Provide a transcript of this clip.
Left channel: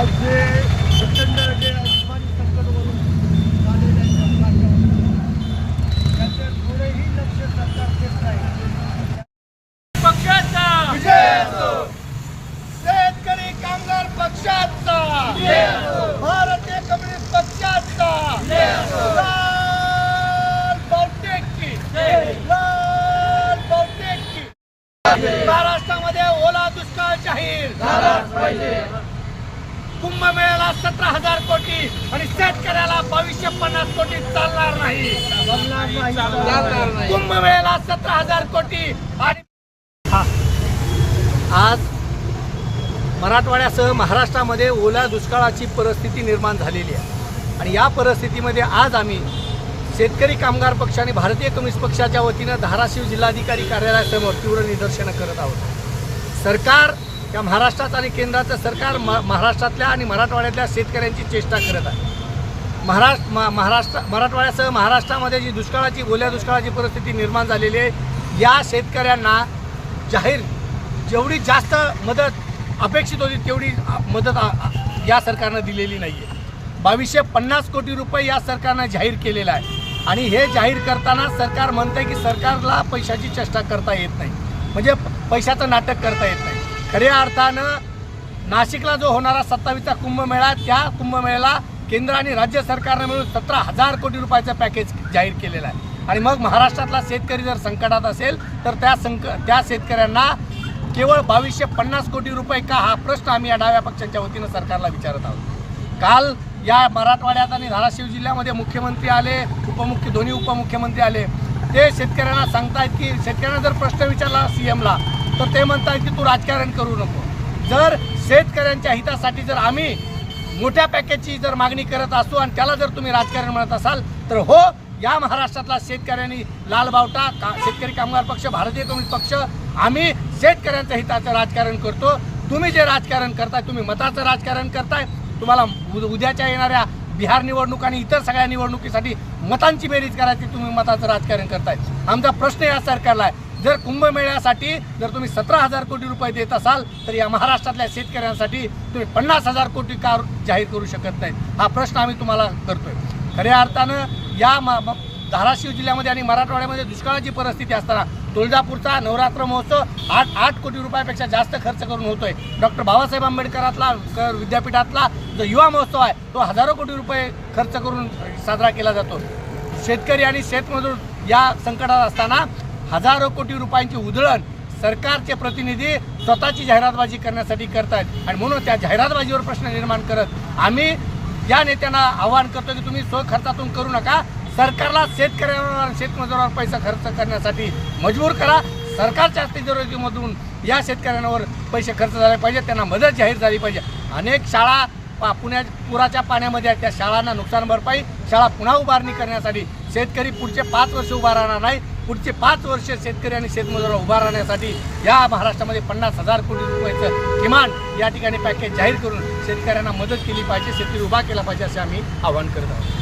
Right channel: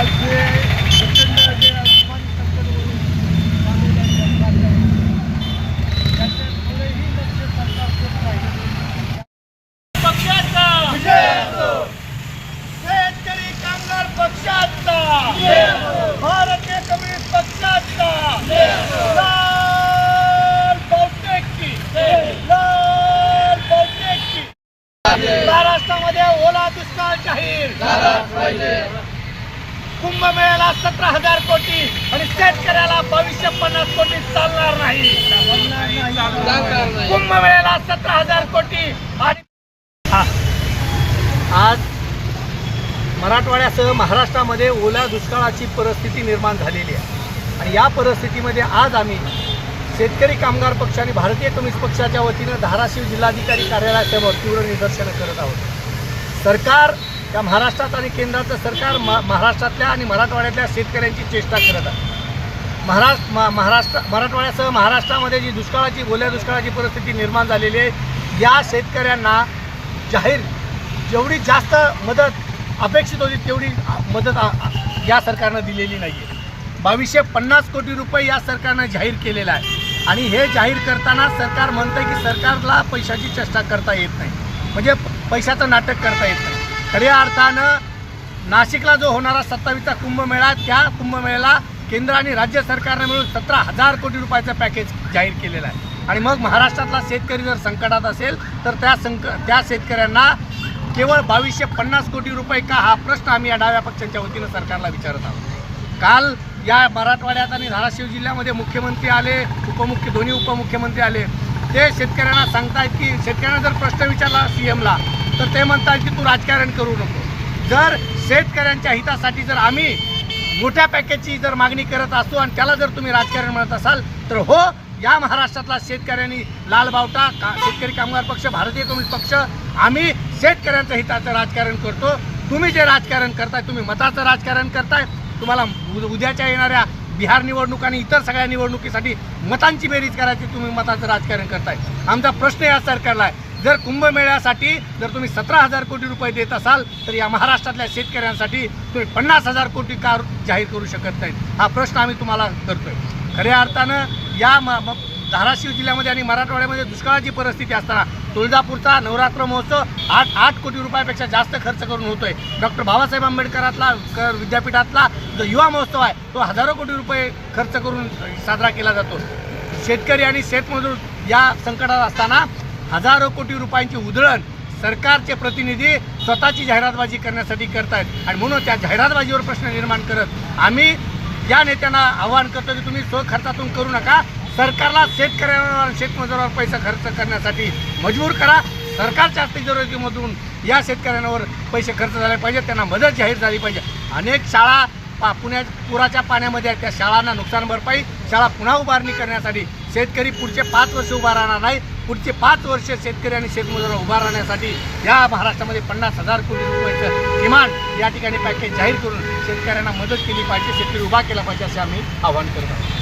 आज जे प्रचंड जे अस्मान संकटवरून आलेले त्याचं थोडेही लक्ष सरकार देत नाही. पक्षाचा विजय असो, शेतकरी कामगार पक्षाचा विजय असो, भारतीय कम्युनिस्ट पक्षाचा विजय असो, लाल बहुतेक की लाल बहुतेक की. महाराष्ट्रामध्ये ओला दुष्काळ जाहीर झालाच पाहिजे. कुंभमेळ्याला 17,000 कोटी आणि शेतकऱ्याला 2250 कोटी चालणार नाही. कुंभमेळ्याला 17,000 कोटी आणि आज मराठवाड्यासह महाराष्ट्रामध्ये ओल्या दुष्काळाची परिस्थिती निर्माण झालेली आहे आणि या परिस्थितीमध्ये आज आम्ही शेतकरी कामगार पक्ष आणि भारतीय कम्युनिस्ट पक्षाच्या वतीनं धाराशिव जिल्हाधिकारी कार्यालयासमोर तीव्र निदर्शनं करत आहोत. सरकार या महाराष्ट्रात आणि केंद्राचं सरकार महाराष्ट्रातल्या आणि मराठवाड्यातल्या शेतकऱ्यांची चेष्टा करत आहे. मराठवाड्यासह महाराष्ट्रामध्ये जी ओल्या दुष्काळाची परिस्थिती निर्माण झालेली आहे, या शेतकऱ्यांना जाहीर जेवढी जास्त मदत अपेक्षित होती तेवढी मदत या सरकारनं दिलेली नाही आहे. 2250 कोटी रुपये या सरकारनं जाहीर केलेला आहे आणि हे जाहीर करताना सरकार म्हणतंय की सरकारला पैशाची चेष्टा करता येत नाही, म्हणजे पैशाचं नाटक करता येत नाही. खऱ्या अर्थानं नाशिकला जो होणारा 27वा कुंभमेळा, त्या कुंभमेळ्याला केंद्र आणि राज्य सरकारनं मिळून 17,000 कोटी रुपयाचं पॅकेज जाहीर केलेलं आहे आणि मग महाराष्ट्रातला शेतकरी जर संकटात असेल तर त्या शेतकऱ्यांना केवळ 2250 कोटी रुपये का, हा प्रश्न आम्ही या डाव्या पक्षांच्या वतीनं सरकारला विचारत आहोत. काल या मराठवाड्यात आणि धाराशिव जिल्ह्यामध्ये मुख्यमंत्री आले, दोन्ही उपमुख्यमंत्री आले. ते शेतकऱ्यांना सांगतायत की शेतकऱ्यांना जर प्रश्न विचारला सीएमला तर ते म्हणतात की तू राजकारण करू नको. जर शेतकऱ्यांच्या हितासाठी जर आम्ही मोठ्या पॅकेजची जर मागणी करत असू आणि त्याला जर तुम्ही राजकारण म्हणत असाल तर हो, या महाराष्ट्रातला शेतकऱ्यांनी लाल बावटा शेतकरी कामगार पक्ष, भारतीय कम्युनिस्ट पक्ष, आम्ही शेतकऱ्यांच्या हिताचं राजकारण करतो. तुम्ही जे राजकारण करताय, तुम्ही मताचं राजकारण करताय. तुम्हाला उद्याच्या येणाऱ्या बिहार निवडणूक आणि इतर सगळ्या निवडणुकीसाठी मतांची बेरीज करायची, तुम्ही मताचं राजकारण करताय. आमचा प्रश्न या सरकारला आहे, जर कुंभमेळ्यासाठी जर तुम्ही 17,000 कोटी रुपये देत असाल तर या महाराष्ट्रातल्या शेतकऱ्यांसाठी तुम्ही 50,000 कोटी का जाहीर करू शकत नाहीत, हा प्रश्न आम्ही तुम्हाला करतोय. खऱ्या अर्थानं या धाराशिव जिल्ह्यामध्ये आणि मराठवाड्यामध्ये दुष्काळाची परिस्थिती असताना तुळजापूरचा नवरात्र महोत्सव 8 कोटी रुपयापेक्षा जास्त खर्च करून होतोय. डॉक्टर बाबासाहेब आंबेडकरातला विद्यापीठातला जो युवा महोत्सव आहे तो हजारो कोटी रुपये खर्च करून साजरा केला जातो. शेतकरी आणि शेतमजूर या संकटात असताना हजारो कोटी रुपयांची उधळण सरकारचे प्रतिनिधी स्वतःची जाहिरातबाजी करण्यासाठी करतायत आणि म्हणून त्या जाहिरातबाजीवर प्रश्न निर्माण करत आम्ही या नेत्यांना आवाहन करतो की तुम्ही स्वखर्चातून करू नका, सरकारला शेतकऱ्यांवर शेतमजुरावर पैसा खर्च करण्यासाठी मजबूर करा. सरकारच्या तिजोरीमधून या शेतकऱ्यांवर पैसे खर्च झाले पाहिजे, त्यांना मदत जाहीर झाली पाहिजे. अनेक शाळा पुण्यात पुराच्या पाण्यामध्ये आहेत, त्या शाळांना नुकसान भरपाई, शाळा पुन्हा उभारणी करण्यासाठी शेतकरी पुढचे 5 वर्ष उभा राहणार नाही. पुढचे 5 वर्ष शेतकरी आणि शेतमजूर उभा राहण्यासाठी या महाराष्ट्रामध्ये 50,000 कोटी रुपयाचं किमान या ठिकाणी पॅकेज जाहीर करून शेतकऱ्यांना मदत केली पाहिजे, शेतकरी उभा केला पाहिजे असे आम्ही आवाहन करत आहोत.